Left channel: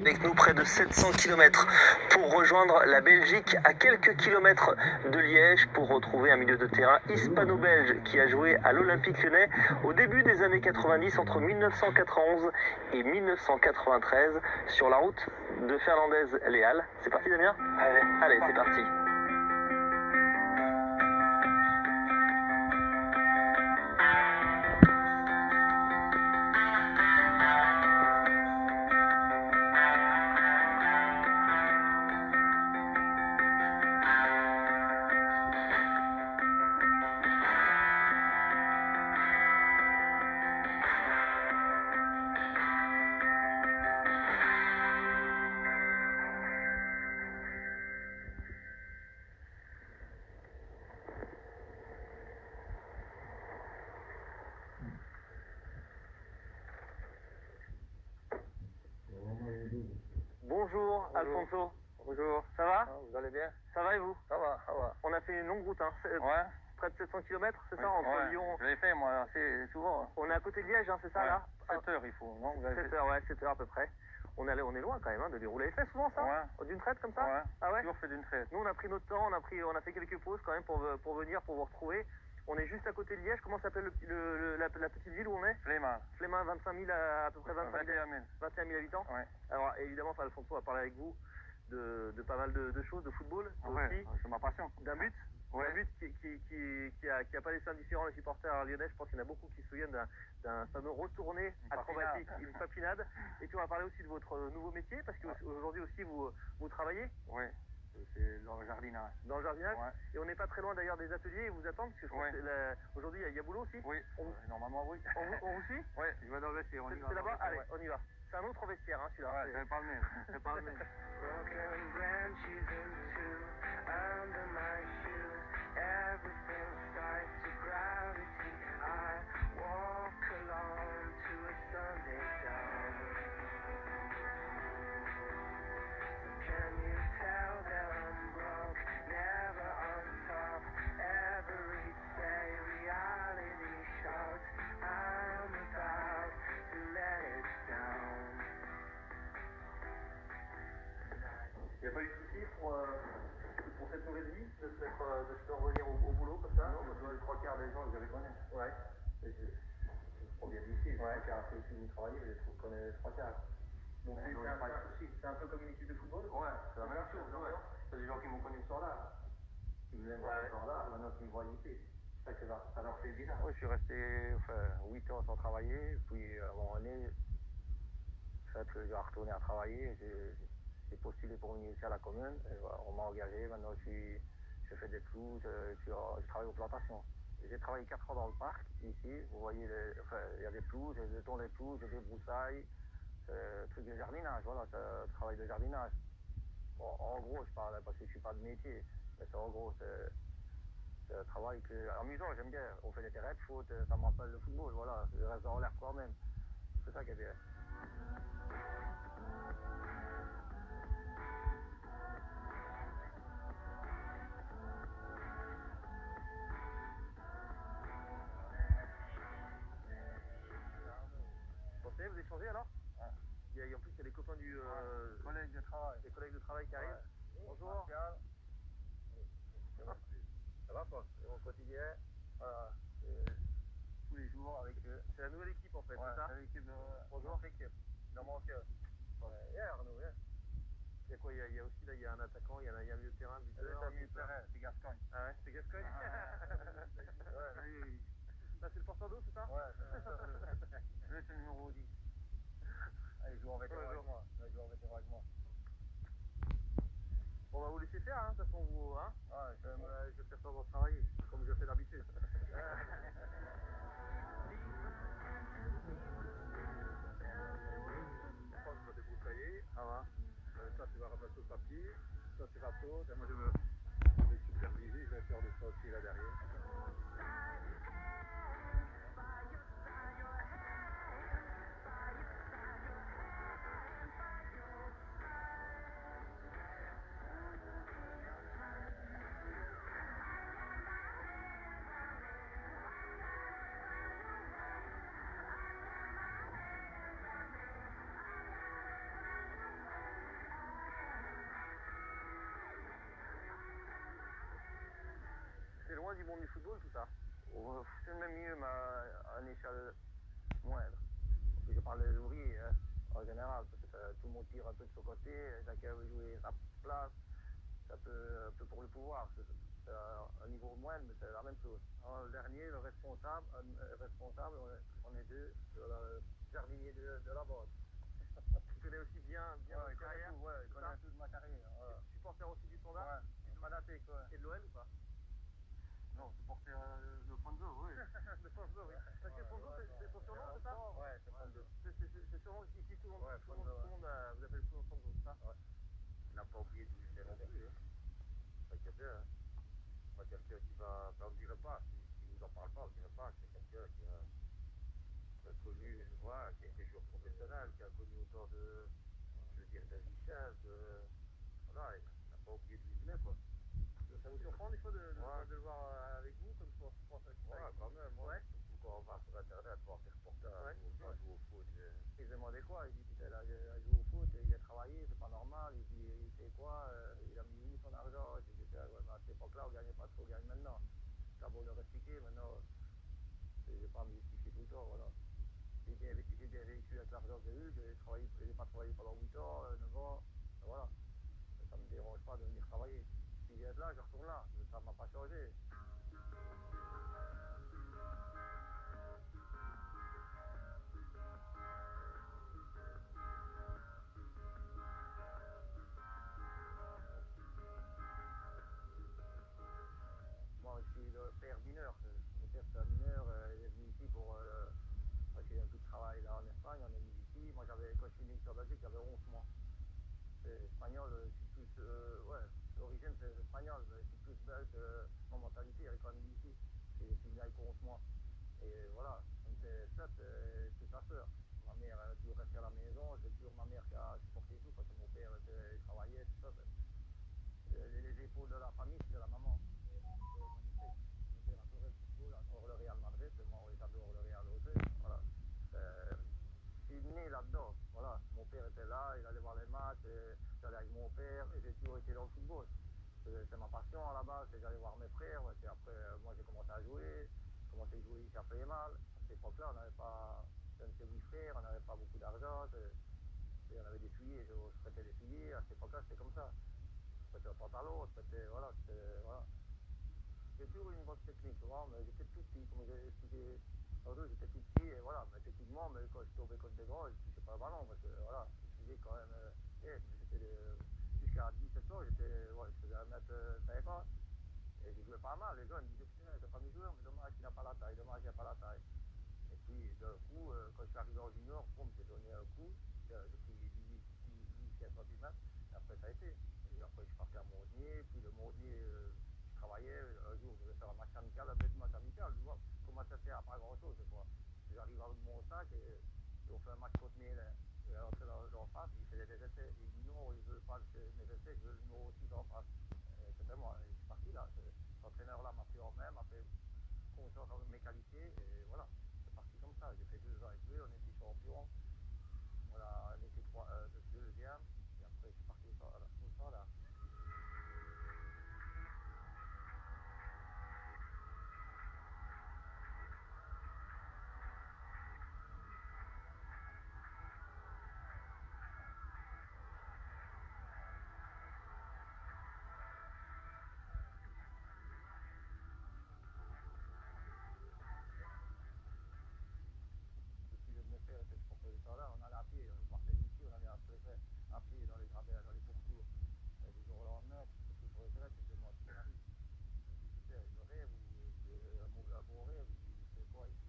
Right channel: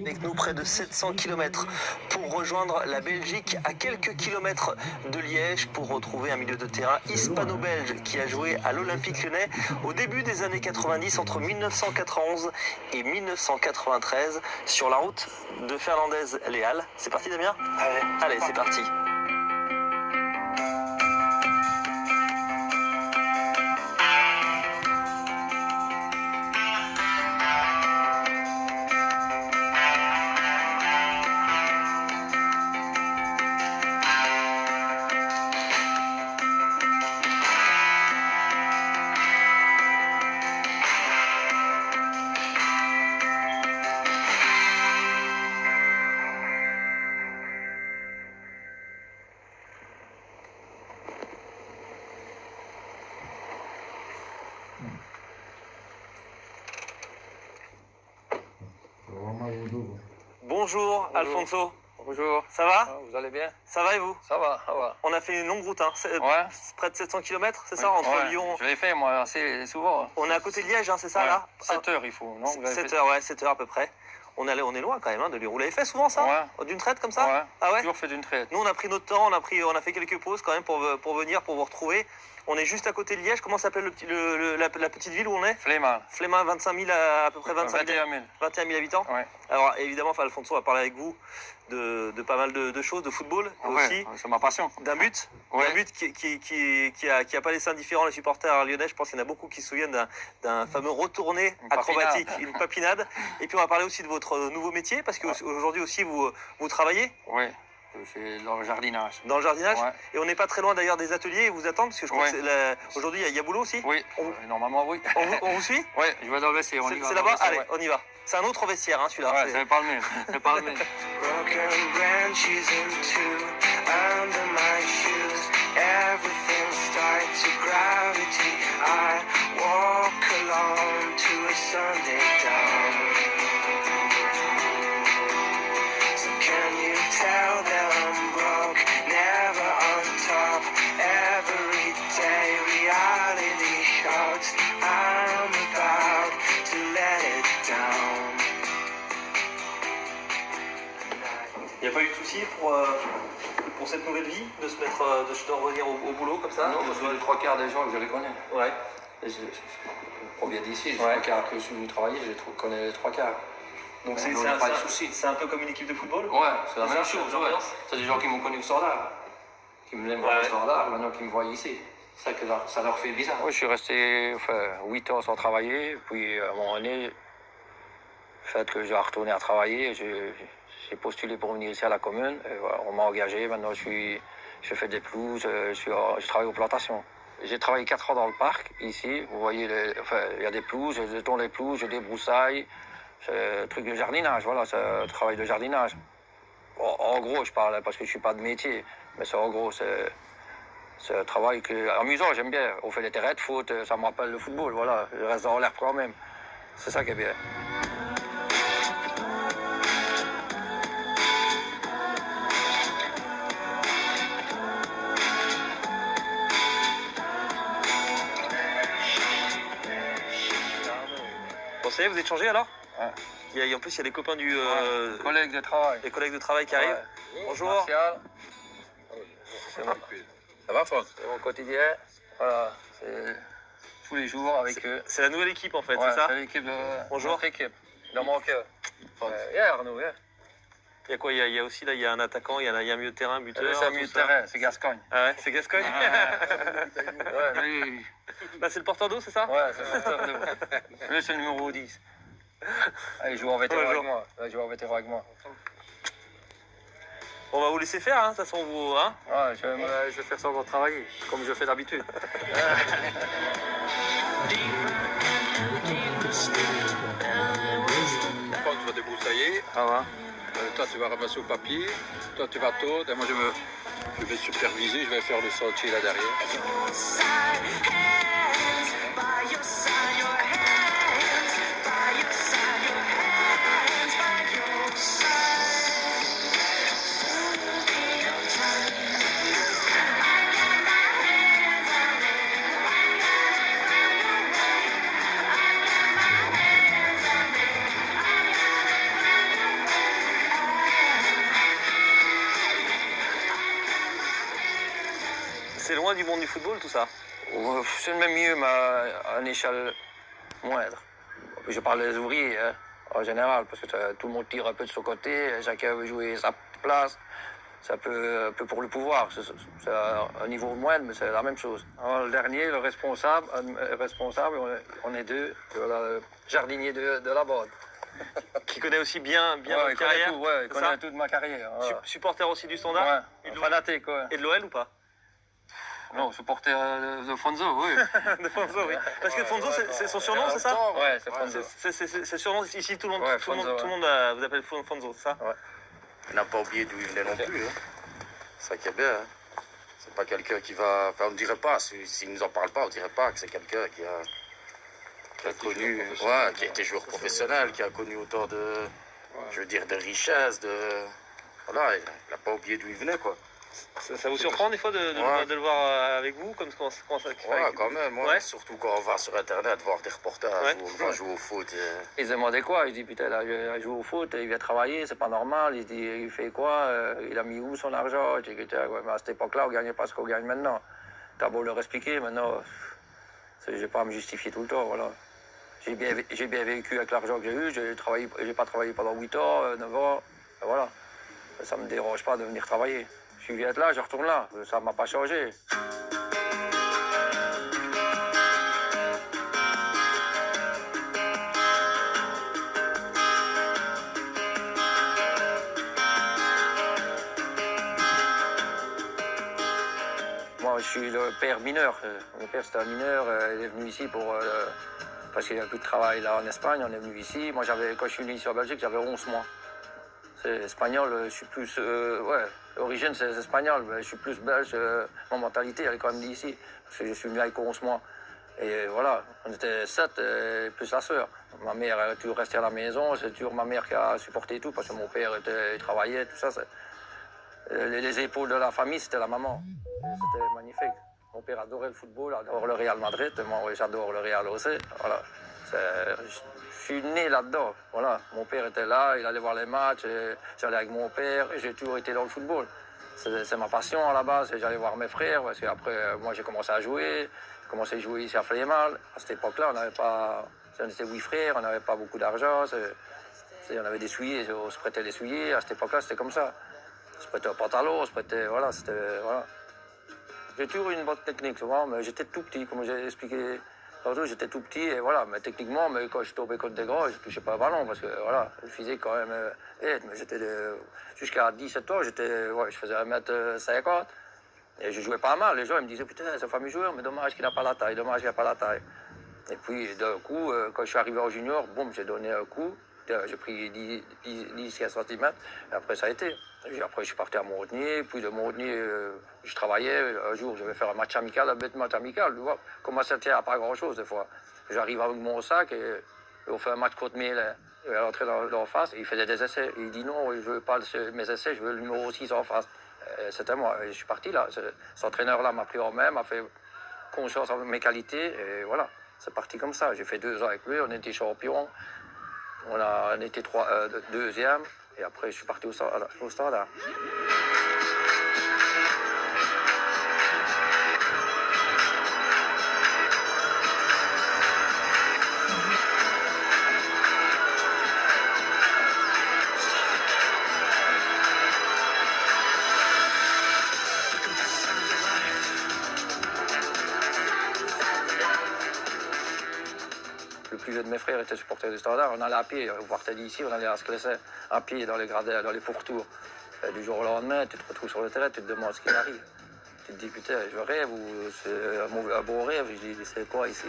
Avec nous près de 700 km pour rejoindre la Belgique à quelques kilomètres de Liège pour retrouver un milieu de terrain hispano-belge qui a joué à l'Olympique Lyonnais au début des années 90 entre 1991 et 1993 sur la route de Fernandez-les-Halles. C'est parti Damien ? Allez, c'est parti. Bonjour Alfonso. Bonjour. Ça va ? Vous allez bien ? Ça va et vous ? Ça va, ça va. On a fait une longue route, hein. Ouais. Près de 700 km, c'est ça, entre Lyon. Je l'ai fait moi assez souvent. On est à côté de Liège, hein, c'est ça là ? 7 heures il faut, non ? 7 heures, ouais, 7 heures à peu près. On est loin quand même hein, de Lyon. Vous l'avez fait souvent ça ? Ouais. D'une traite comme ça ? Ouais. Ah ouais ? Toujours fait d'une traite. Nous on a pris notre temps, on a fait quelques pauses quand même pour venir, pour vous retrouver. On est juste à côté de Liège. Comment s'appelle la petite ville où on est ? Flémal. Flémal, 25 000 à peu près 25 21 000. 21 000 habitants. Ouais. Alors évidemment, Alfonso va parler avec vous de pas mal de choses, de football aussi. C'est ma passion. D'un but, Ouais. d'un but qui a pas laissé indifférent les supporters lyonnais. Je pense qu'il y en a beaucoup qui se souviennent d'un fameux retourné acrobatique, une papinade. Et puis on va parler aussi de votre nouveau métier parce qu'aujourd'hui aussi vous travaillez. Oui. Je fais dans le jardinage. Dans le jardinage. Ouais. Et on n'est pas très loin d'ailleurs des ateliers et vous attendent parce que je crois qu'aujourd'hui il y a boulot aussi. Oui. Normalement oui. On vous suit ? Oui, je vais dans le vestiaire. C'est là-bas. Allez, on y va. C'est un autre vestiaire, hein, celui-là. Ouais, c'est pas le même. C'est pas le même. Broken branches in two under my shoes. Everything starts to gravity. I walk alone to a Sunday dawn. So can you tell that I'm broke? Never on top. Every day reality shouts. I'm about to let it down. Il n'y a pas eu de souci pour cette nouvelle vie de revenir au boulot comme ça ? Non, parce que les trois quarts des gens, je les connais. Ouais. Je provient d'ici, les trois quarts que je suis venu travailler, je connais les trois quarts. Donc pas de souci. C'est un peu comme une équipe de football ? Ouais, c'est la même C'est chose. ouais. C'est des gens qui m'ont connu au standard, qui me l'aiment voir au standard, maintenant qui me voient ici. C'est ça que ça leur fait bizarre. Oui, je suis resté 8 ans sans travailler, puis à un moment donné, le fait que je vais retourner à travailler, j'ai postulé pour venir ici à la commune, et voilà, on m'a engagé, maintenant je fais des pelouses, je travaille aux plantations. J'ai travaillé 4 ans dans le parc, ici, vous voyez, il y a des pelouses, je tourne les pelouses, je débroussaille, c'est un truc de jardinage, voilà, c'est un travail de jardinage. En gros, je parle parce que je ne suis pas de métier, mais c'est en gros, c'est un travail amusant, j'aime bien. On fait des terrains de foot, ça me rappelle le football, voilà, je reste dans l'air quand même. C'est ça qui est bien. Bon, ça y est, vous êtes changé alors ? Ouais. En plus, il y a des copains du... Collègues de travail. Les collègues de travail qui arrivent. Ouais. Bonjour. Martial. Ça va, Franck ? C'est mon quotidien. Voilà, c'est tous les jours avec eux. C'est la nouvelle équipe en fait, Ouais, c'est ça ? c'est l'équipe de Bonjour. notre équipe. Dans mon cœur. Arnaud, Il y a quoi ? Il y a aussi là, il y a un attaquant, il y a un milieu de terrain, un buteur. C'est un milieu de terrain, c'est Gascogne. Ah ouais, c'est Gascogne. Ouais, Bah, c'est le porteur d'eau, c'est ça ? ouais, c'est le porteur d'eau. Lui, c'est le numéro 10. Ah, il joue en vétéran avec moi. Il joue en vétéran avec moi. On va vous laisser faire, hein, de toute façon, vous. Hein ? Ouais, je vais faire ça pour travailler, comme je fais d'habitude. Quand tu vas débroussailler, Ça va. toi tu vas ramasser au papier, toi tu vas tondre, et moi je vais superviser, je vais faire le sentier là derrière. C'est loin du monde du football, tout ça? C'est le même milieu, mais à une échelle moindre. Je parle des ouvriers, hein, en général, parce que tout le monde tire un peu de son côté, chacun veut jouer sa place. C'est un peu pour le pouvoir. C'est un niveau moindre, mais c'est la même chose. Alors, le dernier, le responsable, on est deux, le jardinier de la bande. Qui connaît aussi bien Ouais, votre il connaît carrière? tout, ouais, il c'est connaît ça toute ma carrière. Ouais. Supporter aussi du Standard? Ouais, Et de fanatique, ouais. Et de l'OL ou pas? Non, supporter de Fonzo, oui. De Fonzo, oui. Parce que Ouais, Fonzo, ouais, c'est son ouais, surnom, c'est ça? Ouais, c'est Fonzo. C'est surnom ici, tout le monde, Ouais, tout le monde, Fonzo, tout le monde vous appelle Fonzo, c'est ça? Ouais. Il n'a pas oublié d'où il venait non plus. Hein. C'est ça qui est bien. Hein. C'est pas quelqu'un qui va. Enfin, on ne dirait pas, s'il ne nous en parle pas, on ne dirait pas que c'est quelqu'un qui a connu. Ouais, qui a été joueur professionnel, qui a connu autant de. Je veux dire, de richesse, de. Voilà, il n'a pas oublié d'où il venait, quoi. Ça vous surprend des fois de le voir avec vous comme comment ça Ouais, quand même, ouais. Surtout quand on va sur internet voir des reportages où on va jouer au foot. Ils se demandaient quoi? Il dit putain, là, il joue au foot, il vient travailler, c'est pas normal. Il dit, il fait quoi? Il a mis où son argent? Je dis, ouais, mais à cette époque-là, on gagnait pas ce qu'on gagne maintenant. T'as beau leur expliquer, maintenant, j'ai pas à me justifier tout le temps, voilà. J'ai bien vécu avec l'argent que j'ai eu, j'ai pas travaillé pendant 8 ans, 9 ans, voilà. Ça me dérange pas de venir travailler. Je viens de là, je retourne là, ça m'a pas changé. Moi, je suis le père mineur. Mon père, c'était un mineur. Il est venu ici parce qu'il n'y avait plus de travail là en Espagne. On est venu ici. Moi, quand je suis venu ici en Belgique, j'avais 11 mois. C'est espagnol, je suis plus... ouais, l'origine, c'est espagnol. Mais je suis plus belge. Mon mentalité, elle est quand même d'ici. Parce que je suis venu avec 11 mois. Et voilà, on était 7, plus la sœur. Ma mère, elle est toujours restée à la maison. C'est toujours ma mère qui a supporté tout. Parce que mon père, il travaillait, tout ça. Les épaules de la famille, c'était la maman. C'était magnifique. Mon père adorait le football, adore le Real Madrid. Moi, j'adore le Real aussi. Voilà. Je suis né là-dedans. Voilà. Mon père était là, il allait voir les matchs. J'allais avec mon père. J'ai toujours été dans le football. C'est ma passion à la base. J'allais voir mes frères. Parce qu'après, moi, j'ai commencé à jouer. J'ai commencé à jouer ici à Flémal. À cette époque-là, on n'avait pas... On était 8 frères, on n'avait pas beaucoup d'argent. On avait des souliers, on se prêtait des souliers. À cette époque-là, c'était comme ça. On se prêtait un pantalon, on se prêtait... Voilà, c'était... Voilà. J'ai toujours eu une bonne technique, souvent, mais j'étais tout petit, comme j'ai expliqué tantôt, j'étais tout petit, et voilà, mais techniquement, mais quand je tombais contre des grands, je ne touchais pas le ballon, parce que voilà, le physique quand même aide, mais jusqu'à 17 ans, je faisais 1m50, et je jouais pas mal, les gens ils me disaient, putain, c'est un fameux joueur, mais dommage qu'il n'a pas la taille, dommage qu'il n'a pas la taille. Et puis, d'un coup, quand je suis arrivé en junior, boum, j'ai donné un coup, j'ai pris 10-15 cm, et après ça a été. Et après, je suis parti à Montagnier, puis de Montagnier, je travaillais. Un jour, je vais faire un match amical, un bête match amical. Tu vois, comment ça tient à pas grand-chose, des fois. J'arrive avec mon sac et on fait un match contre Miel. Il est rentré dans face et il faisait des essais. Et il dit non, je veux pas mes essais, je veux le numéro 6 en face. C'était moi. Et je suis parti là. Cet entraîneur-là m'a pris en main, m'a fait conscience de mes qualités. Et voilà, c'est parti comme ça. J'ai fait 2 ans avec lui, on était champions. On était deuxième. Et après, je suis parti au Standard. Le plus vieux de mes frères était supporter du Standard. On allait à pied, on partait d'ici, on allait à Sclesset, à pied dans les gradins, dans les pourtours. Et du jour au lendemain, tu te retrouves sur le terrain, tu te demandes ce qui arrive. Tu te dis, putain, je rêve ou c'est un beau rêve. Je dis, c'est quoi ici?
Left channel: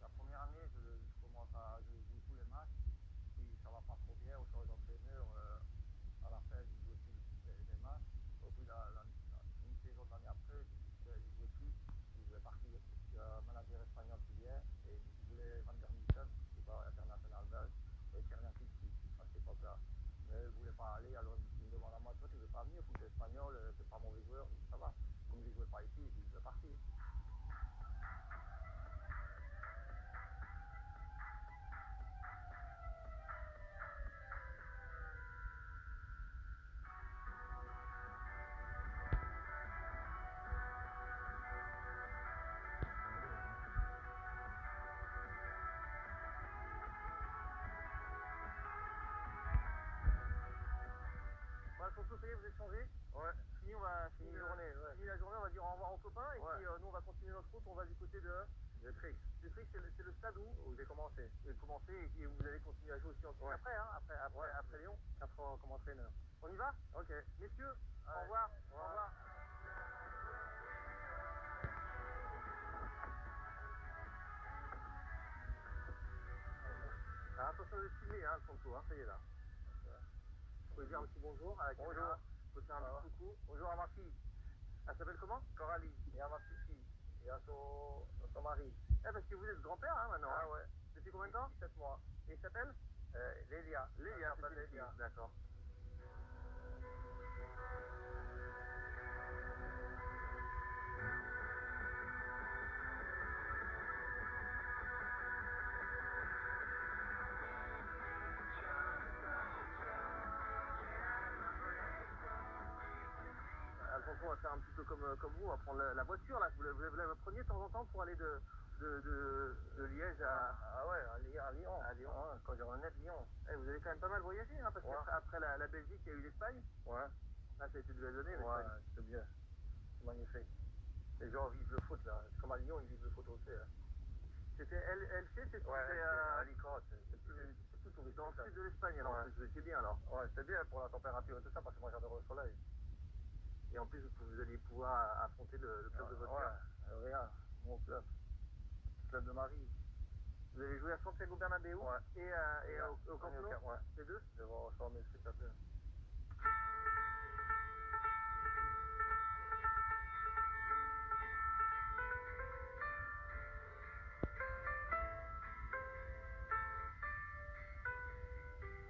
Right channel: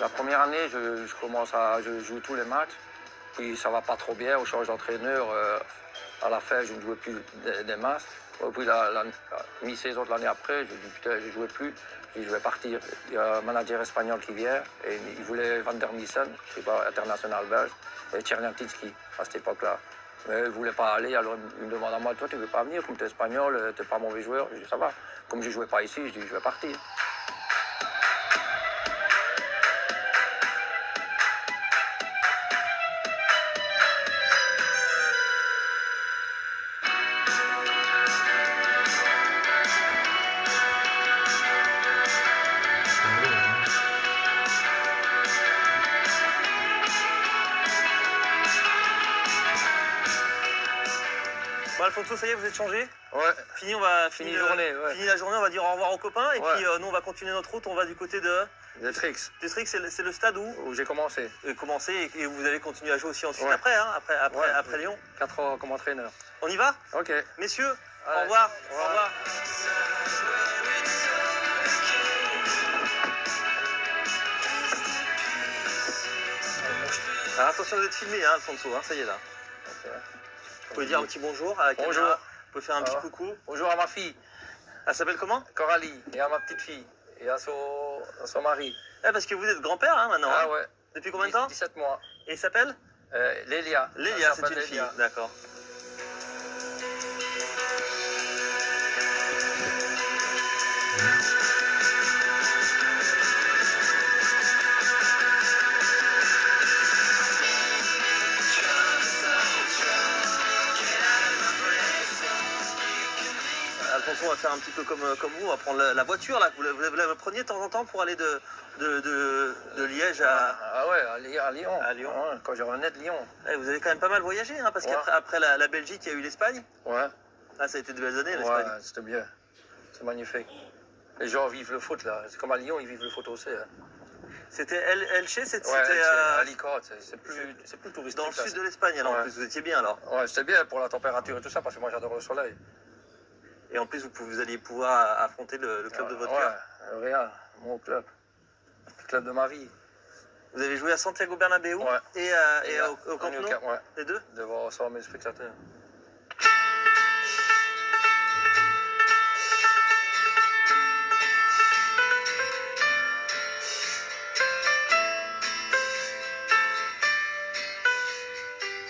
La première année, je joue tous les matchs. Puis ça va pas trop bien, on change d'entraîneur. À la fin, je ne jouais plus des masses. Puis la mi-saison de l'année après, je dis putain, je ne jouais plus. Puis je vais partir. Il y a un manager espagnol qui vient et il voulait Van der Missen, je sais pas, international belge, et Tchernyantinski à cette époque-là. Mais il ne voulait pas aller, alors il me demande à moi, toi tu ne veux pas venir, comme tu es espagnol, tu n'es pas mauvais joueur. Je dis ça va. Comme je ne jouais pas ici, je dis je vais partir. Bon, Alfonso, ça y est, vous êtes changé. Ouais. Fini, on va Fini journée, ouais. Fini la journée, on va dire au revoir aux copains. Et Ouais. puis nous, on va continuer notre route. On va du côté de Des tricks. Trix. C'est le stade où J'ai commencé. commencer et vous allez continuer à jouer aussi ensuite Ouais. après, hein, Ouais. après Lyon. 4 ans comme entraîneur. On y va, Ok. messieurs. Ouais. Au revoir. Au revoir. Au revoir. Alors, attention, vous êtes filmé, hein, Alfonso, hein, ça y est là. Vous pouvez dire un petit bonjour à la caméra. Bonjour. Vous pouvez faire un petit coucou. Bonjour à ma fille, Elle s'appelle comment? Coralie, et à ma petite fille, et à son mari. Parce que vous êtes grand-père hein, maintenant. Ah hein. ouais. Depuis combien de temps? 17 mois. Et il s'appelle? Lélia. Lélia, Elle c'est s'appelle une fille. Lélia. D'accord. Alfonso, on va faire un petit peu comme vous, on va prendre la voiture là. Vous la preniez de temps en temps pour aller de Liège à... Ah ouais, à Lyon. À Lyon. Ouais, quand je revenais de Lyon. Vous avez quand même pas mal voyagé, hein, parce Ouais. qu'après la Belgique, il y a eu l'Espagne. Ouais. Là, ça a été de belles années, Ouais, l'Espagne. c'était bien. C'est magnifique. Les gens vivent le foot là. C'est comme à Lyon, ils vivent le foot aussi. Hein. C'était Elche, c'était Ouais, Alicante, c'est plus touristique. dans le là. sud de l'Espagne, alors en Ouais. plus, vous étiez bien alors. Ouais, c'était bien pour la température et tout ça, parce que moi j'adore le soleil. Et en plus, vous alliez pouvoir affronter le club de votre cœur. Ouais, Real, mon club. Le club de ma vie. Vous avez joué à Santiago Bernabéu Ouais. et au Camp Nou, Ouais, les deux. devant 100 000 spectateurs.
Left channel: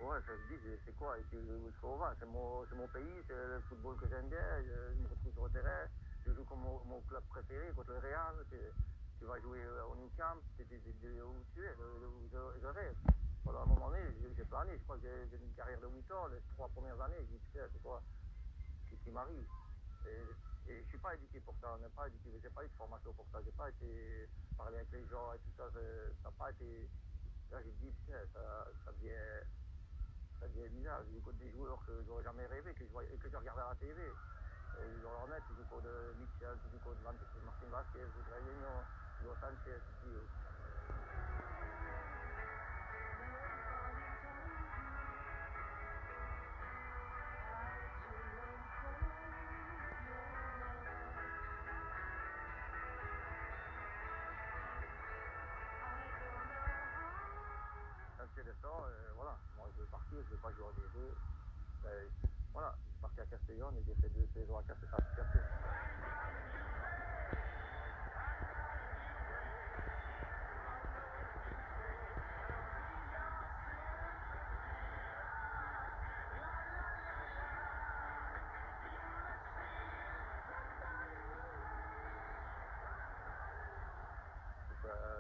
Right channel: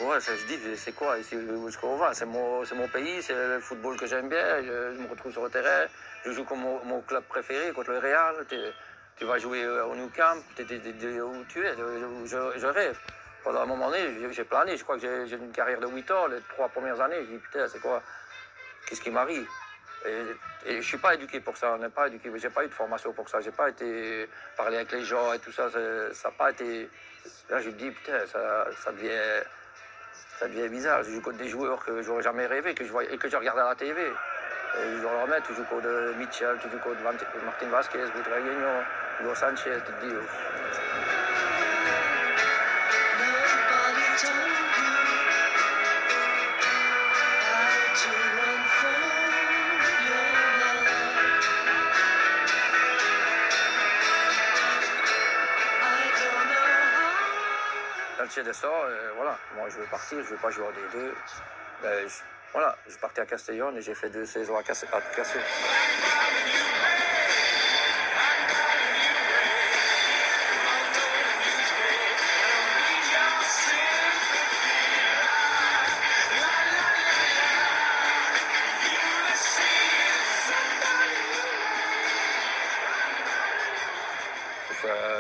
Ouais, ça je dis, c'est quoi ici où est-ce qu'on va? C'est mon pays, c'est le football que j'aime bien, je me retrouve sur le terrain, je joue comme mon club préféré contre le Real, tu vas jouer au Nou Camp, où tu es, où je rêve. Pendant un moment donné, j'ai plané, je crois que j'ai une carrière de 8 ans, les 3 premières années, je dis putain, c'est quoi? Qu'est-ce qui m'arrive? Et je ne suis pas éduqué pour ça, on n'est pas éduqué, j'ai pas eu de formation pour ça, j'ai pas été parler avec les gens et tout ça, ça n'a pas été... Là, je me dis putain, ça devient bizarre. Je joue contre des joueurs que j'aurais jamais rêvé, que je regarde à la TV. Et je leur remets, tu joues contre Mitchell, tu joues contre Martin Vasquez, Butragueño, Hugo Sanchez, tu te dis. Elche descend, voilà, moi je veux partir, je veux pas jouer en D2. Ben, voilà, je partais à Castellón et j'ai fait 2 saisons à Castellón.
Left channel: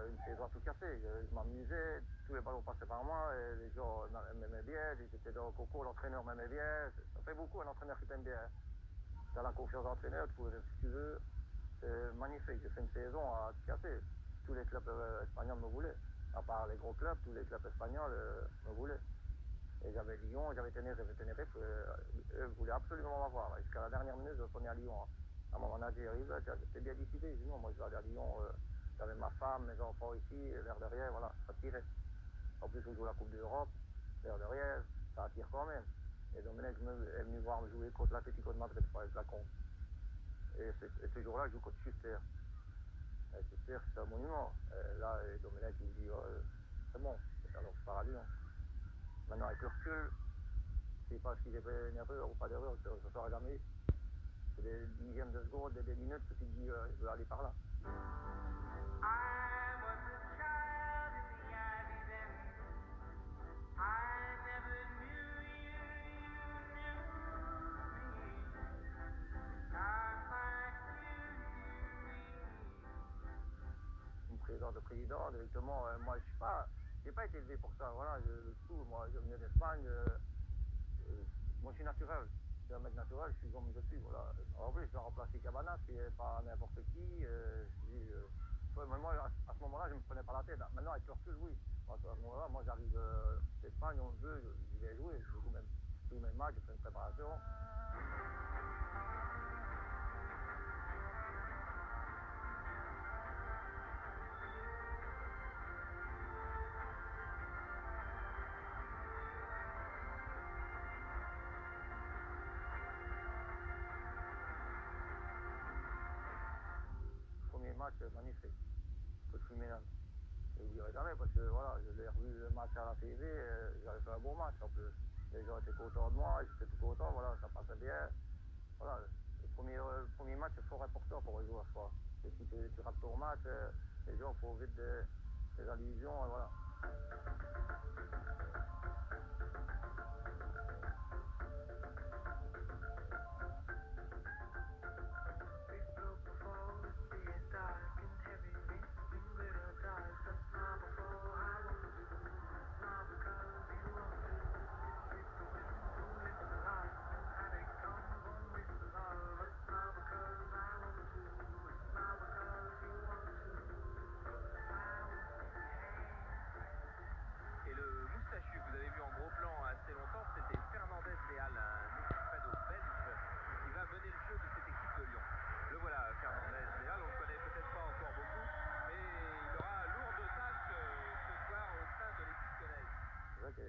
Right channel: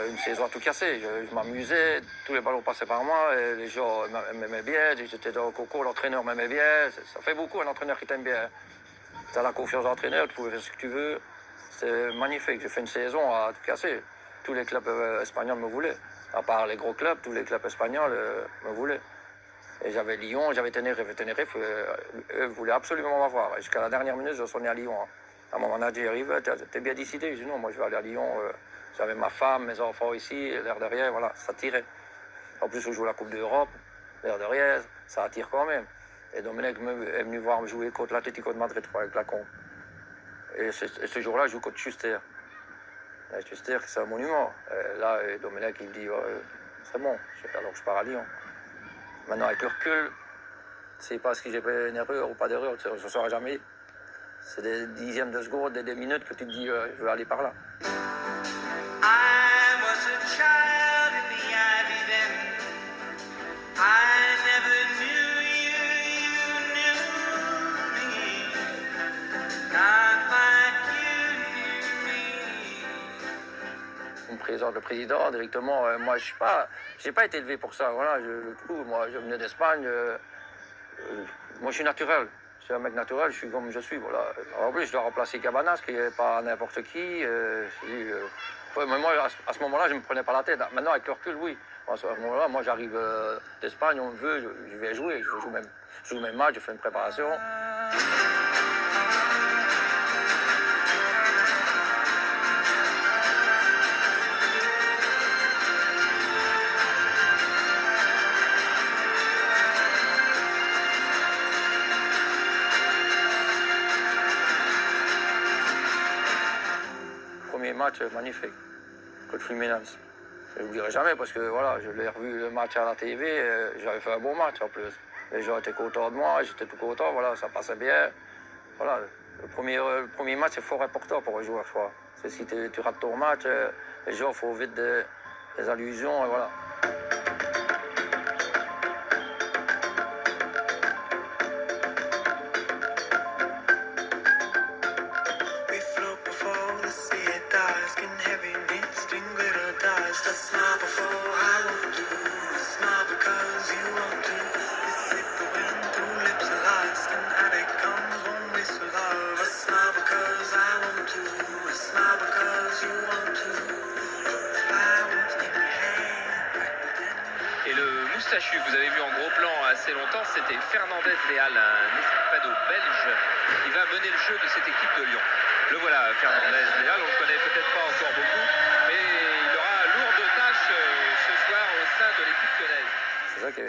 Une saison à tout casser. Je m'amusais, tous les ballons passaient par moi, et les gens m'aimaient bien, j'étais dans le coco, l'entraîneur m'aimait bien. Ça fait beaucoup un entraîneur qui t'aime bien. Tu as la confiance de l'entraîneur, tu pouvais faire ce que tu veux. C'est magnifique. J'ai fait une saison à tout casser. Tous les clubs espagnols me voulaient. À part les gros clubs, tous les clubs espagnols me voulaient. Et j'avais Lyon, j'avais Tenerife. Tenerife, eux voulaient absolument m'avoir. Jusqu'à la dernière minute, je suis né à Lyon. À mon manager arrive, t'es bien décidé? Je dis non, moi je vais aller à Lyon. J'avais ma femme, mes enfants ici, l'air de rien, voilà, ça tirait. En plus, on joue la Coupe d'Europe, l'air de rien, ça attire quand même. Et Domenech est venu voir me jouer contre l'Atlético de Madrid avec la con. Et ce jour-là, je joue contre Schuster. Et Schuster, c'est un monument. Et là, Domenech, il me dit, c'est bon, alors je pars à Lyon. Maintenant, avec le recul, c'est pas ce que j'ai fait une erreur ou pas d'erreur, je ne saurais jamais. C'est des dixièmes de seconde, des minutes que tu te dis, je vais aller par là. I was a child in the ivy then. I never knew you, you knew me. Not like you knew me. On me présente le président directement. Moi, j'ai pas été élevé pour ça. Voilà, moi, je venais d'Espagne. Moi, je suis naturel. Je suis un mec naturel, je suis comme je suis. Voilà. En plus, je dois remplacer Cabanas, qui n'est pas n'importe qui. Mais moi, à ce moment-là, je ne me prenais pas la tête. Maintenant, avec le recul, oui. À ce moment-là, moi j'arrive d'Espagne, on me veut, je vais jouer, je joue même match, je fais une préparation. Premier match magnifique, contre Fluminense. Je ne l'oublierai jamais parce que voilà, je l'ai revu le match à la TV, j'avais fait un bon match en plus. Les gens étaient contents de moi, j'étais tout content, voilà, ça passait bien. Voilà, le premier match c'est fort important pour un joueur, je crois. C'est si tu rates ton match, les gens font vite des allusions et voilà. We float before the sea it dies, skin heavy meat, sting glitter dies. Just smile before I won't do. Smile because you won't do. You sip the wind through lips alive, skin addict comes one waste for love. A smile because I won't do. A smile because you won't do. Flowers in your hand. Et le moustachu que vous avez vu en gros plan assez longtemps, c'était Fernandez Leal, un Hispano belge qui va mener le jeu de cette équipe de Lyon. Le voilà, Fernandez Leal, on ne le connaît peut-être pas encore beaucoup, mais il aura lourde tâche ce soir au sein de l'équipe lyonnaise. C'est ça que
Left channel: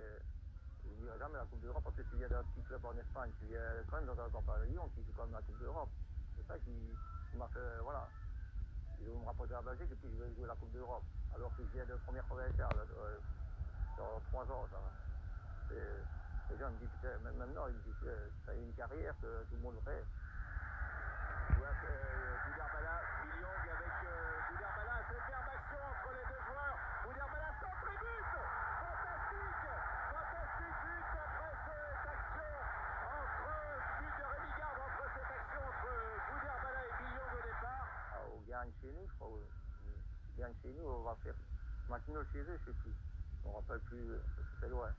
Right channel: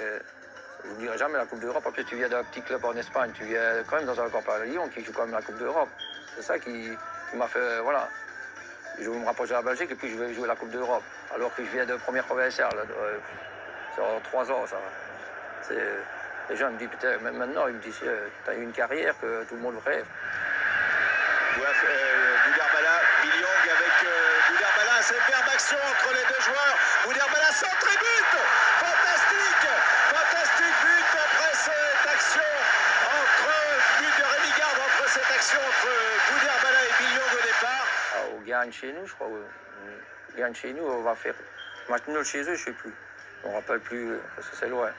je ne dirai jamais la Coupe d'Europe. En plus, tu viens d'un petit club en Espagne, tu viens quand même dans un camp à Lyon qui joue quand même la Coupe d'Europe. C'est ça qui m'a fait, voilà. Je veux me rapprocher de la Belgique et puis je vais jouer la Coupe d'Europe. Alors que je viens de première provinciale. C'est en 3 ans, ça. Les gens me disent, putain, même maintenant, ils me disent, t'as eu une carrière que tout le monde rêve. Boudirbala, Billiong avec Boudirbala, c'est une verbe action entre les deux joueurs. Boudirbala centre et but. Fantastique but après cette action but de Rémi Garde entre cette action entre Boudirbala et Billiong au départ. On gagne chez nous, je crois. On gagne chez nous, on va faire match nul chez eux, je sais plus. On ne rappelle plus parce que c'est loin.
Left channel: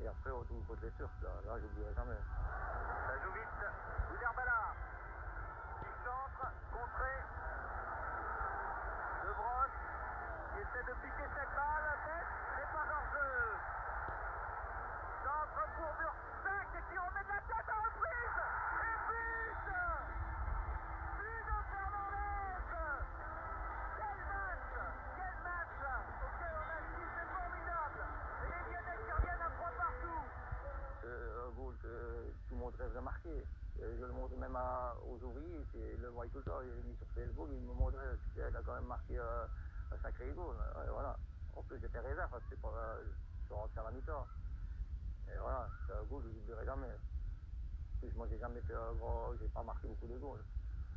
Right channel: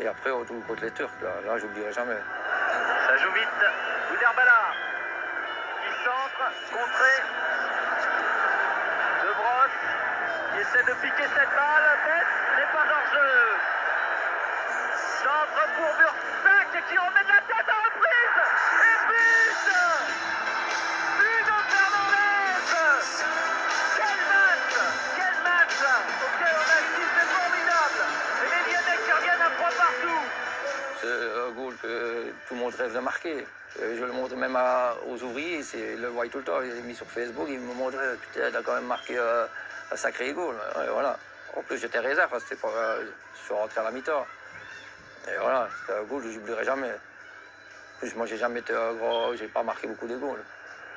Et après, on joue contre les Turcs, là j'oublierai jamais. Ça joue vite. Boudirbala qui centre, contré. De Brosse qui essaie de piquer cette balle. Tête n'est pas hors jeu. Centre pour Bursac qui remet de la tête à reprise. Et but de Fernandez. Quel match auquel on assiste, c'est formidable. Et les Lyonnais qui reviennent à 3 partout. C'est un goal que tout le monde rêve de marquer. Je le montre même aux ouvriers, ils le voient tout le temps. Il est mis sur Facebook, ils me montrent, putain, t'as quand même marqué un sacré goal. Et voilà. En plus, j'étais réserve, c'était pas, je suis rentré à la mi-temps. Et voilà, c'est un goal que j'oublierai jamais. En plus, moi, j'ai jamais été un gros, j'ai pas marqué beaucoup de goals.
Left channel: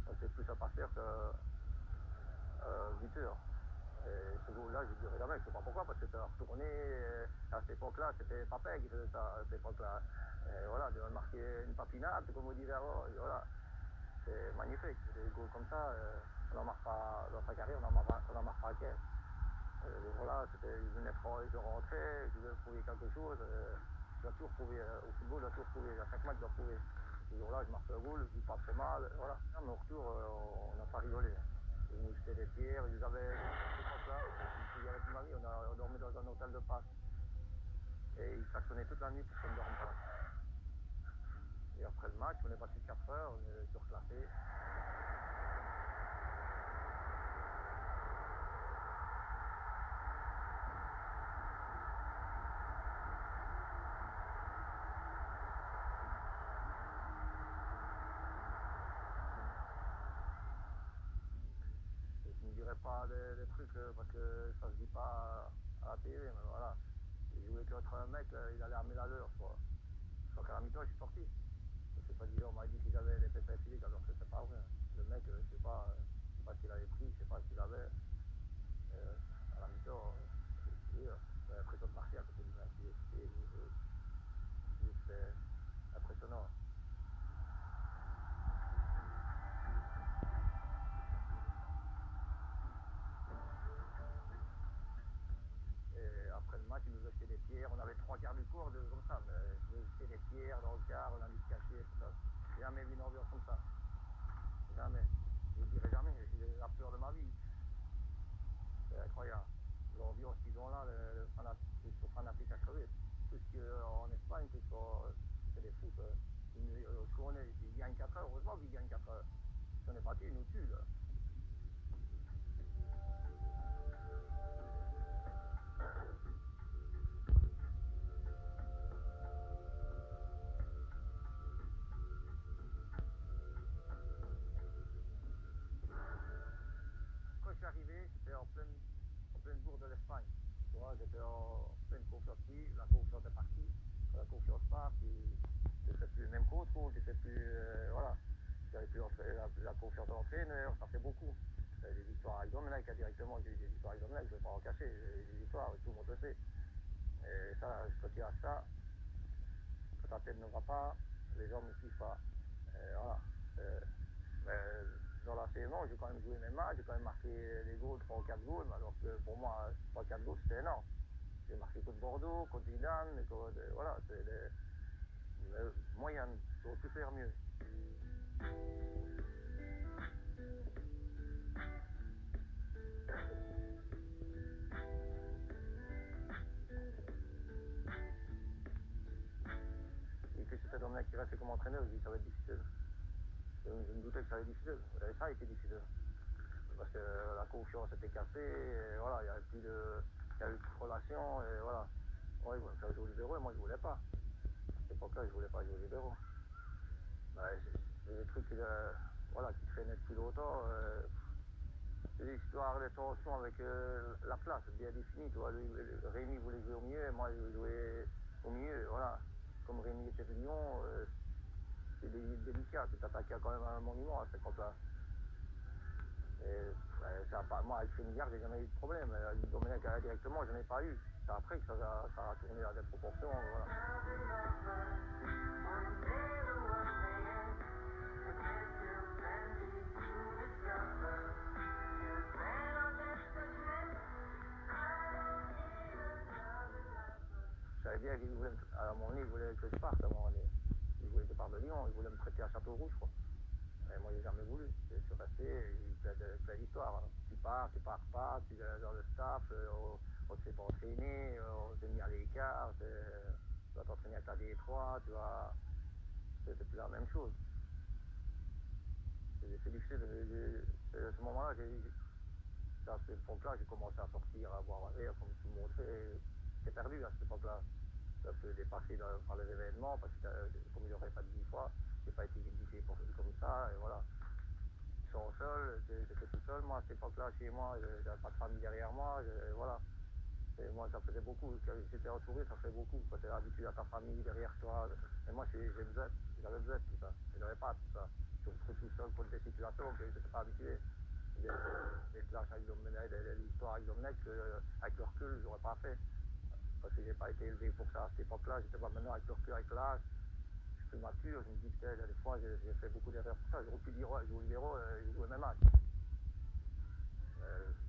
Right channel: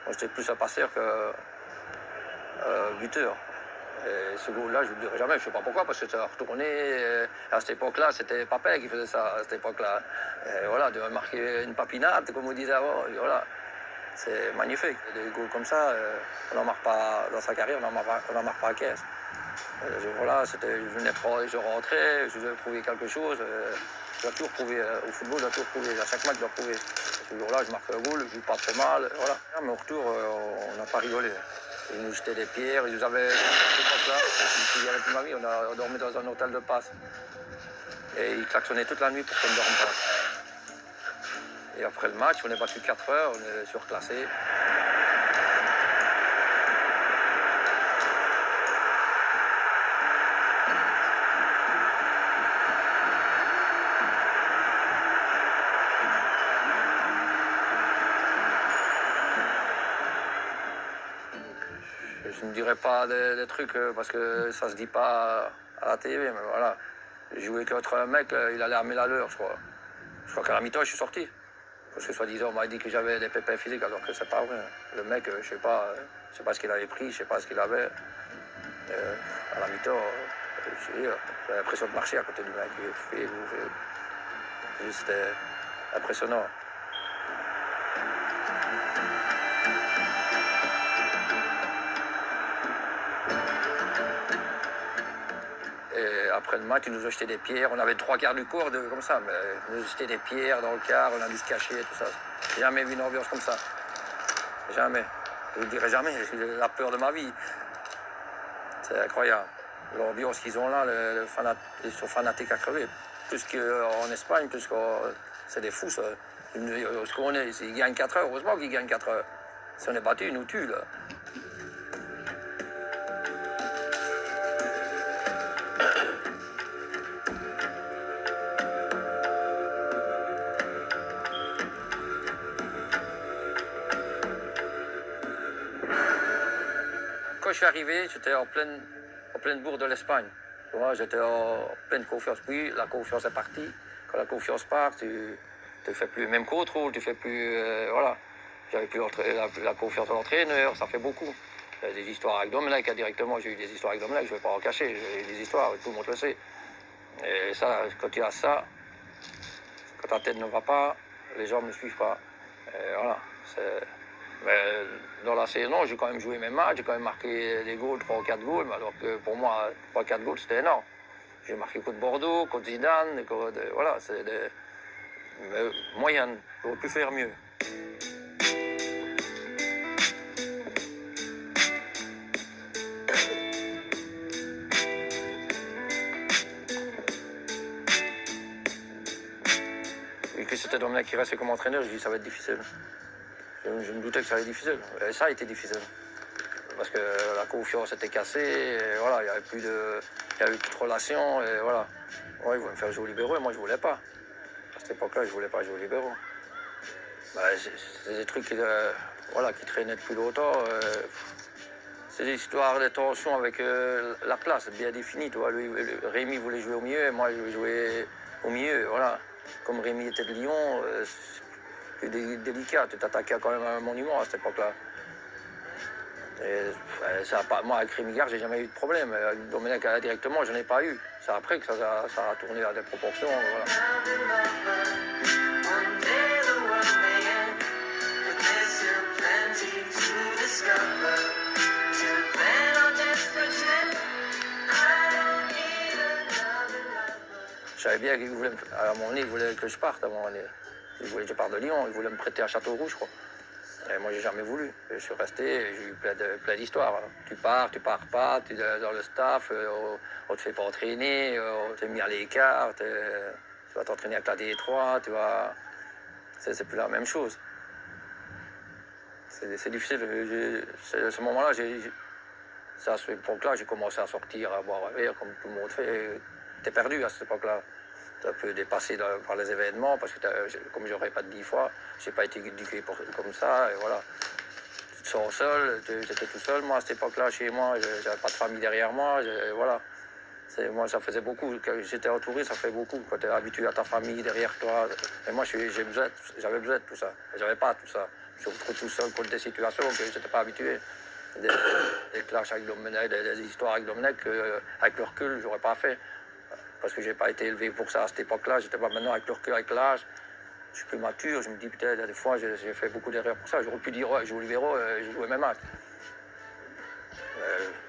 Moi, j'étais plus un passeur que buteur. Et ce goal-là, je ne l'oublierai jamais. Je ne sais pas pourquoi, parce que ça a retourné. À cette époque-là, c'était Papin qui faisait ça, à cette époque-là. Et voilà, de marquer une papinade, comme on disait avant. Et voilà, c'est magnifique. Des goals comme ça, on n'en marque pas dans sa carrière, on n'en marque pas à 15. Voilà, je rentrais, je devais prouver quelque chose. Je dois toujours prouver au football, je dois toujours prouver. À chaque match, je dois prouver. Ce jour-là, je marque un goal, je joue pas très mal. Voilà. Mais au retour, on n'a pas rigolé. Ils nous jetaient des pierres, ils nous avaient... Je me avec ma vie, on dormait dans un hôtel de passe. Et ils klaxonnaient toute la nuit pour qu'on ne dorme pas. Et après le match, on est battu 4 heures, on est surclassé. Je ne dirais pas des trucs parce que ça se dit pas à la TV, mais voilà. J'ai joué contre un mec, il allait armer la leur, je crois. Je crois qu'à la mi-temps, je suis sorti. Parce que soi-disant, on m'a dit que j'avais des pépins physiques, alors que c'est pas vrai. Le mec, je sais pas ce qu'il avait pris, je sais pas ce qu'il avait. À la mi-temps, j'avais l'impression de marcher à côté du mec. C'était impressionnant. Et après le match, ils nous ont jeté des pierres. On avait 3 quarts du corps comme ça, mais ils nous ont jeté des pierres dans le car, on a dû se cacher, tout ça. J'ai jamais vu une ambiance comme ça. Jamais. Je ne dirai jamais, j'ai la peur de ma vie. C'est incroyable. l'ambiance qu'ils ont là, ils sont fanatiques à crever. Plus qu'en Espagne, c'est des fous, ça. Ce qu'on est, ils gagnent 4 heures, heureusement qu'ils gagnent 4 heures. Si on est battu, ils nous tuent, là. Quand je suis arrivé, j'étais en pleine bourre de l'Espagne. Tu vois, j'étais en pleine confiance. Puis la confiance est partie. Quand la confiance part, tu ne fais plus le même contrôle, tu fais plus. Voilà. J'avais plus la confiance de l'entraîneur, ça fait beaucoup. Des histoires avec Domenech, directement, j'ai eu des histoires avec Domenech, je ne vais pas en cacher, j'ai eu des histoires, tout le monde le sait. Et ça, quand tu as ça, quand ta tête ne va pas, les gens ne suivent pas. Et voilà. Mais dans la saison, j'ai quand même joué mes matchs, j'ai quand même marqué des goals, 3 ou 4 goals, alors que pour moi, 3 ou 4 goals, c'était énorme. J'ai marqué contre Bordeaux, contre Zidane, voilà, c'est des moyennes, j'aurais pu faire mieux. Et que c'était Domenech qui restait comme entraîneur, je dis ça va être difficile. Je me doutais que ça allait être difficile. Et ça a été difficile. Parce que la confiance était cassée, et voilà, il n'y avait plus de relation, et voilà. Ouais, ils voulaient me faire jouer aux libéraux, et moi je voulais pas. À cette époque-là, je voulais pas jouer aux libéraux. Bah, c'est des trucs qui traînaient depuis longtemps. C'est des histoires de tension avec la place, bien définie. Tu vois. Rémi voulait jouer au milieu, et moi je voulais jouer au milieu, voilà. Comme Rémi était de Lyon, c'est délicat, tu t'attaquais quand même à un monument à cette époque-là. Moi, avec Rémi Gare, j'ai jamais eu de problème. Avec Domenech directement, je n'en ai pas eu. C'est après que ça a tourné à des proportions. Voilà. Je savais bien qu'il voulait, à un moment donné, il voulait que je parte. À un moment donné. Il voulait que je parte de Lyon, il voulait me prêter à Châteauroux, je crois. Et moi, j'ai jamais voulu. Je suis resté, j'ai eu plein d'histoires. Tu pars pas, tu es dans le staff, on te fait pas entraîner, on t'est mis à l'écart, tu vas t'entraîner avec la D3, c'est plus la même chose. C'est difficile. À ce moment-là, c'est à cette époque-là, j'ai commencé à sortir, à boire un verre, comme tout le monde fait. T'es perdu à cette époque-là. T'es un peu dépassé par les événements, parce que comme je répète 10 fois, j'ai pas été éduqué comme ça, et voilà. Tu te sens seul, j'étais tout seul, moi, à cette époque-là, chez moi, j'avais pas de famille derrière moi, voilà. Moi, ça faisait beaucoup, quand j'étais entouré, ça fait beaucoup, quand t'es habitué à ta famille derrière toi. Et moi, j'avais besoin de tout ça, j'avais pas tout ça. Je me retrouve tout seul contre des situations que j'étais pas habitué. Des clashs avec Domenech, des histoires avec Domenech, avec le recul, j'aurais pas fait. Parce que j'ai pas été élevé pour ça à cette époque-là. J'étais pas maintenant avec le recul, avec l'âge. Je suis plus mature. Je me dis peut-être des fois j'ai fait beaucoup d'erreurs pour ça. J'aurais pu dire ouais, je joue au libéraux, j'ai joué mes matchs.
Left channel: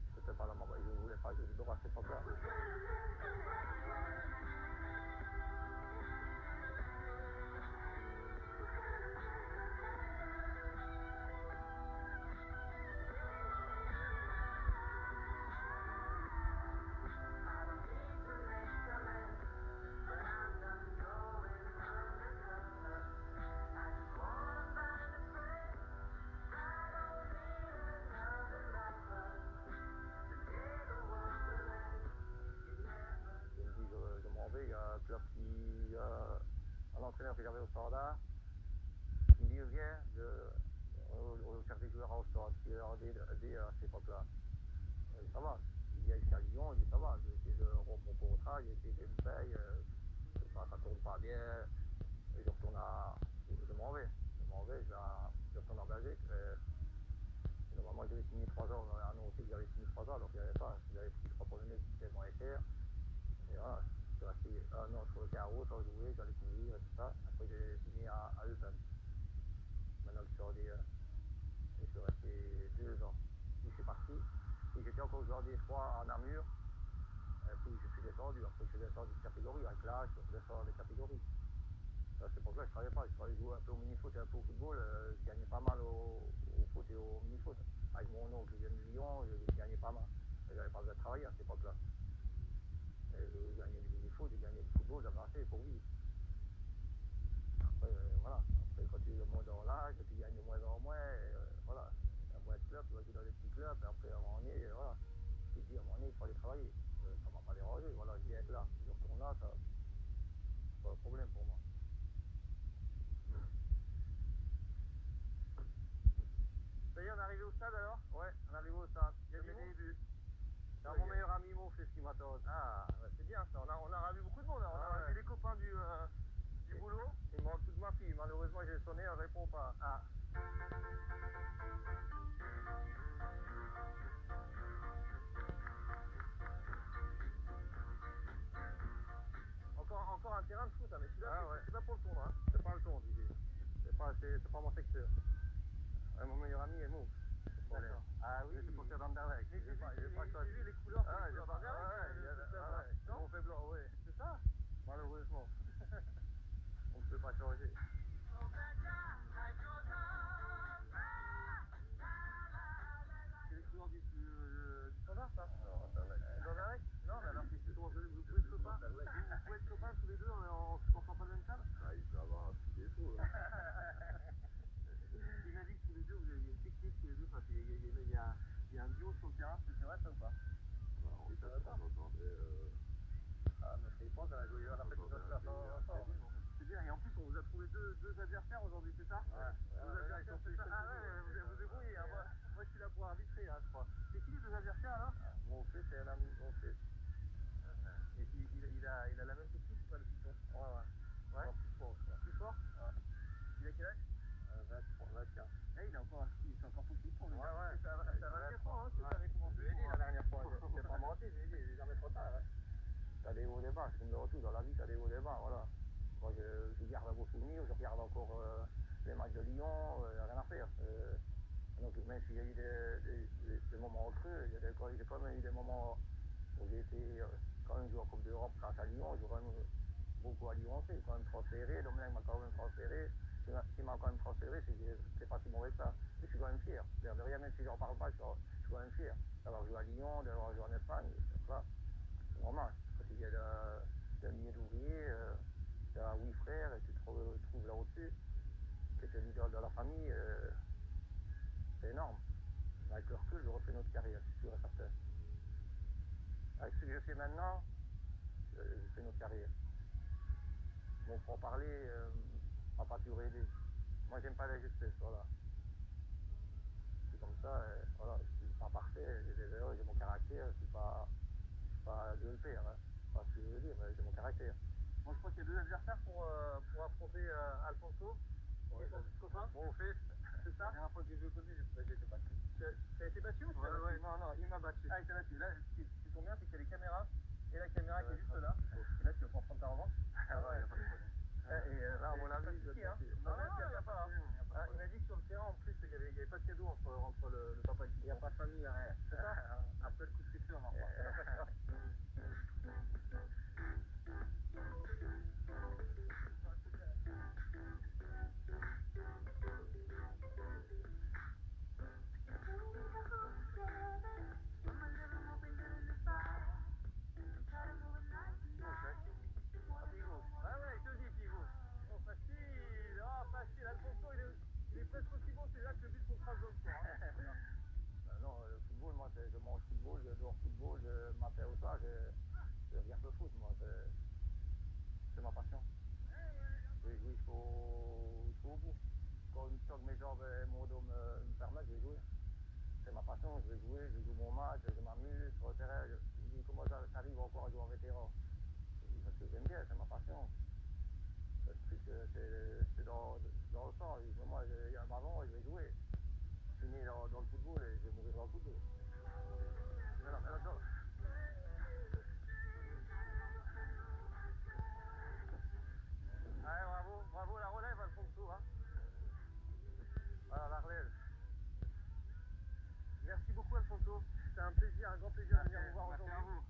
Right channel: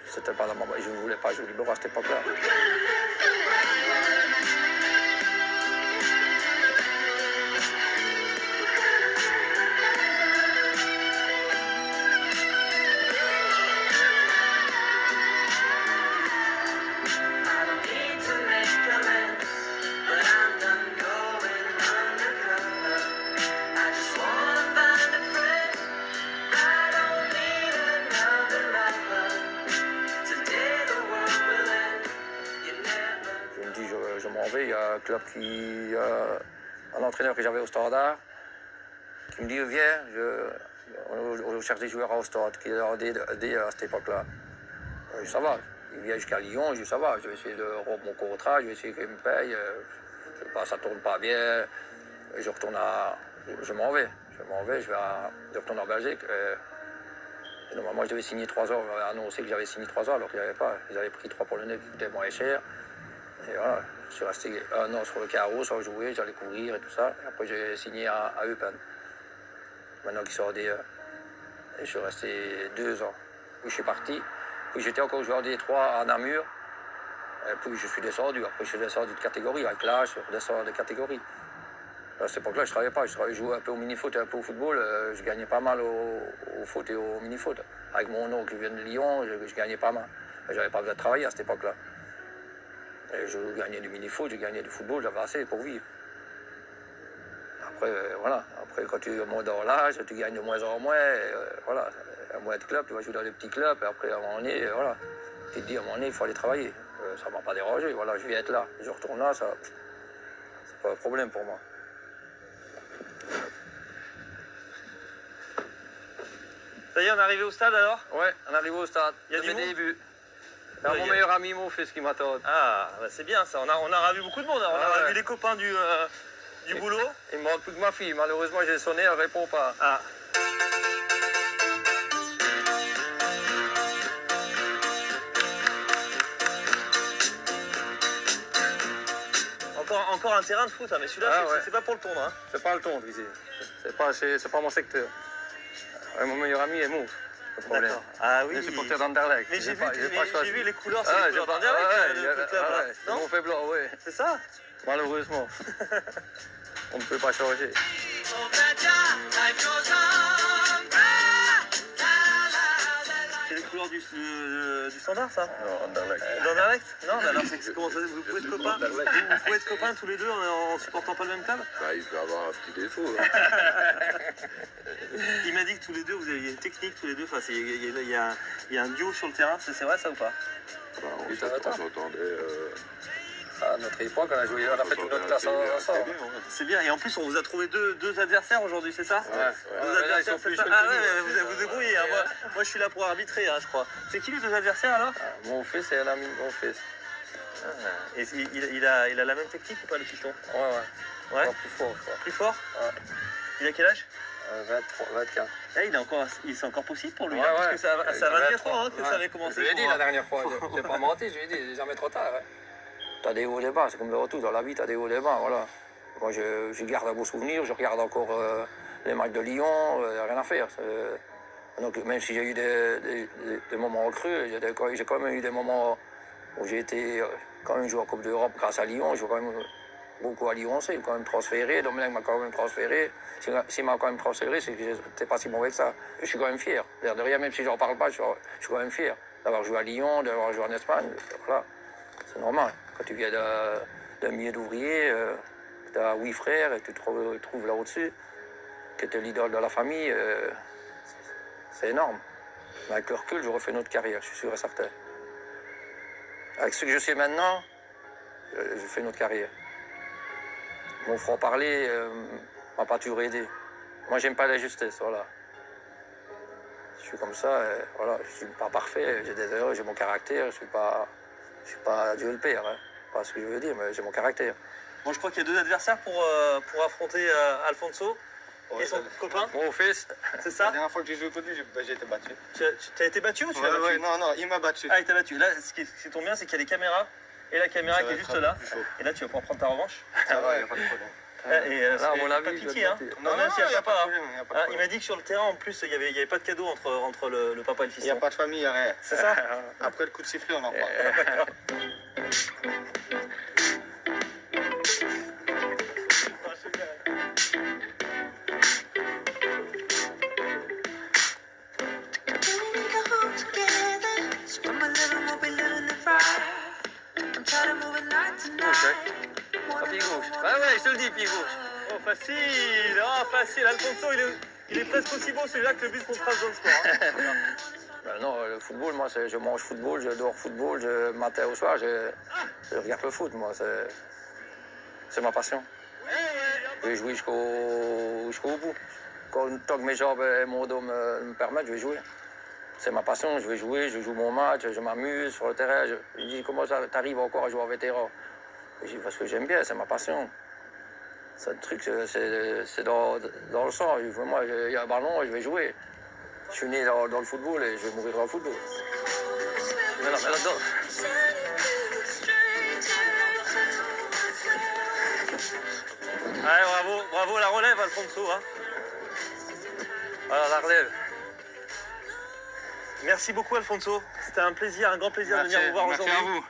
C'était pas dans ma... Je ne voulais pas jouer au libéraux à cette époque-là. Je m'en vais, il y a un club un entraîneur que j'avais au Standard, qui me dit viens, on cherche des joueurs au Stade, qui est en D à cette époque-là. Ça va, il vient jusqu'à Lyon, je dis ça va, je vais essayer de rompre mon contrat, je vais essayer qu'il me paye, ça tourne pas bien, je m'en vais, je retourne en Belgique. Et normalement, je devais signer 3 ans, on m'avait annoncé que j'avais signé 3 ans alors qu'il n'y avait pas, ils avaient pris 3 Polonais qui coûtaient moins cher. Et voilà, je suis resté 1 an sur le carreau sans jouer, j'allais courir et tout ça. Et après, j'ai signé à Eupen, maintenant qu'ils sont en D1. Et je suis resté 2 ans. Puis je suis parti. Puis j'étais encore joueur D3 à Namur. Et puis je suis descendu. Après, je suis descendu de catégorie. Avec l'âge, je redescends de catégorie. À cette époque-là, je ne travaillais pas. Je jouais un peu au mini-foot et un peu au football. Je gagnais pas mal au foot et au mini-foot. Avec mon oncle qui vient de Lyon, je gagnais pas mal. J'avais pas besoin de travailler à cette époque-là. Et je gagnais du mini-foot, je gagnais du football, j'avais assez pour vivre. Après, voilà. Après, quand tu montes dans l'âge, tu gagnes de moins en moins. Voilà. Il y a moins de clubs, tu vas jouer dans les petits clubs. Et après, à un moment donné, voilà. Tu te dis, à un moment donné, il faut aller travailler. Ça ne m'a pas dérangé. Voilà, je viens être là. Je retourne là, c'est pas un problème pour moi. Ça y est, on est arrivé au stade alors? Ouais, on arrive au stade. Il y a du monde? début. Ouais, Mon meilleur ami, mon fils qui m'attend. Ah, bah c'est bien ça. On a revu beaucoup de monde. On a revu les copains du boulot. Il me manque plus que ma fille. Malheureusement, j'ai sonné, elle répond pas. Ah. Encore un terrain de foot, hein, mais celui-là, c'est pas pour le tondre. Hein. C'est pas le tondre ici. C'est pas mon secteur. Ouais, mon meilleur ami est mauve. Le problème. D'accord. Ah oui. Je suis supporter d'Anderlecht. Mais j'ai vu les couleurs, c'est les couleurs d'Anderlecht. C'est mon fait blanc, oui. C'est ça? Malheureusement. On ne peut pas changer. C'est les couleurs du standard, ça? Non, Anderlecht. D'Anderlecht? Non, mais alors comment ça, vous pouvez être copains? Vous pouvez être copains tous les deux en supportant pas le même club? Bah, il peut avoir un petit défaut. Il m'a dit que tous les deux, vous aviez une technique tous les deux. Enfin, il y a un duo sur le terrain, c'est vrai ça ou pas? Bah, on s'entendait. À notre époque, on a fait toute notre classe ensemble. C'est bien, et en plus on vous a trouvé deux adversaires aujourd'hui, c'est ça? Ouais. Deux adversaires, c'est ça? Ah ouais, mais vous débrouillez, hein. Moi je suis là pour arbitrer, hein, je crois. C'est qui les deux adversaires alors? Mon fils et un ami de mon fils. Et il a la même technique ou pas, le piston? Ouais. Encore plus fort, je crois. Plus fort? Ouais. Il a quel âge? 23, 24. C'est encore possible pour lui, Ouais, hein, parce ouais. que ça a 24 ans hein, que ça avait commencé. Je lui ai dit la dernière fois, j'ai pas menti, je lui ai dit, jamais trop tard. Hein. T'as des hauts et des bas, c'est comme le retour dans la vie, t'as des hauts et des bas, voilà. Moi, je garde un beau souvenir, je regarde encore les matchs de Lyon, y a rien à faire. Donc, même si j'ai eu des moments creux, j'ai quand même eu des moments où j'ai été quand même joué en Coupe d'Europe grâce à Lyon, je joue quand même beaucoup à Lyon, c'est quand même transféré, Domenech m'a quand même transféré. S'il m'a quand même transféré, c'est que j'étais pas si mauvais que ça. Et je suis quand même fier. L'air de rien, même si j'en parle pas, je suis quand même fier d'avoir joué à Lyon, d'avoir joué en Espagne. Voilà, c'est normal. Quand tu viens d'un milieu d'ouvrier, tu as 8 frères et tu te trouves là au-dessus, que tu es l'idole de la famille, c'est énorme. Mais avec le recul, je refais une autre carrière, je suis sûr et certain. Avec ce que je sais maintenant, je fais une autre carrière. Mon franc-parler m'a pas toujours aidé. Moi, j'aime pas l'injustice, voilà. Je suis comme ça, voilà, je suis pas parfait, j'ai des erreurs, j'ai mon caractère, je suis pas Dieu le Père, hein. Pas ce que je veux dire, mais j'ai mon caractère. Bon, je crois qu'il y a deux adversaires pour affronter Alfonso et son copain. Mon fils. C'est ça? La dernière fois que j'ai joué contre lui, j'ai été battu. Tu as été battu ou tu l'as battu? Ouais, non, il m'a battu. Ah, il t'a battu. Là, ce qui tombe bien, c'est qu'il y a les caméras et la caméra qui est juste là. Et là, tu vas pouvoir prendre ta revanche. Ça va, il n'y a pas de problème. Là, à mon avis, pas pitié, hein. Non, il n'y a pas de problème. Il m'a dit que sur le terrain, en plus, il n'y avait pas de cadeau entre le papa et le fils. Il n'y a pas de famille, il n'y a rien. C'est ça? Après le coup de sifflet, on en parle. Pied gauche. Ouais, je te le dis, pied gauche. Oh, facile. Oh, facile. Alfonso, il est presque aussi beau celui-là que le but qu'on trace dans le sport. Hein. Ben non, le football, moi, je mange football, je dors football, matin au soir, je regarde le foot, moi, c'est ma passion. Je vais jouer jusqu'au bout. Tant que mes jambes et mon dos me permettent, je vais jouer. C'est ma passion, je vais jouer, je joue mon match, je m'amuse sur le terrain. Je dis, comment ça t'arrive encore à jouer en vétéran? Je dis, parce que j'aime bien, c'est ma passion. C'est un truc, c'est dans le sang. Moi, il y a un ballon, je vais jouer. Je suis né dans le football et je vais mourir dans le football. Mais là-dedans. Ouais, bravo la relève, Alfonso. Hein. Voilà, la relève. Merci beaucoup, Alfonso. C'était un plaisir, un grand plaisir de venir vous voir aujourd'hui. Merci à vous.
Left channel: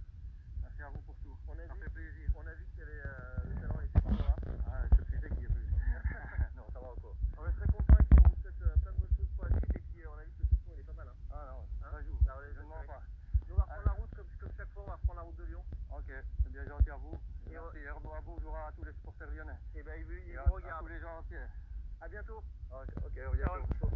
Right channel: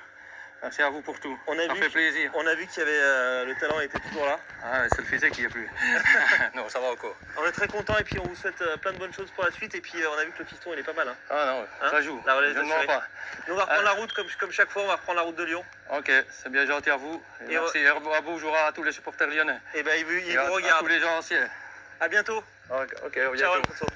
Merci à vous pour tout. On a Ça vu fait plaisir. On a vu qu'il y avait le talent était toujours là. Ah, c'est le physique qui est plus. Non, ça va encore. On est très content et puis on vous souhaite plein de bonnes choses pour la suite. Et puis on a vu que le fiston il est pas mal. Hein. Ah non, Hein, ça joue. la relève Je ne assurée. mens pas. Nous on va reprendre la route comme chaque fois, on va reprendre la route de Lyon. Ok, c'est bien gentil à vous. Et Et merci. Et bonjour à tous les supporters lyonnais. Et ben il Et vous à regarde. tous les gens anciens. À bientôt. Ok, à Ciao bientôt. Alfonso.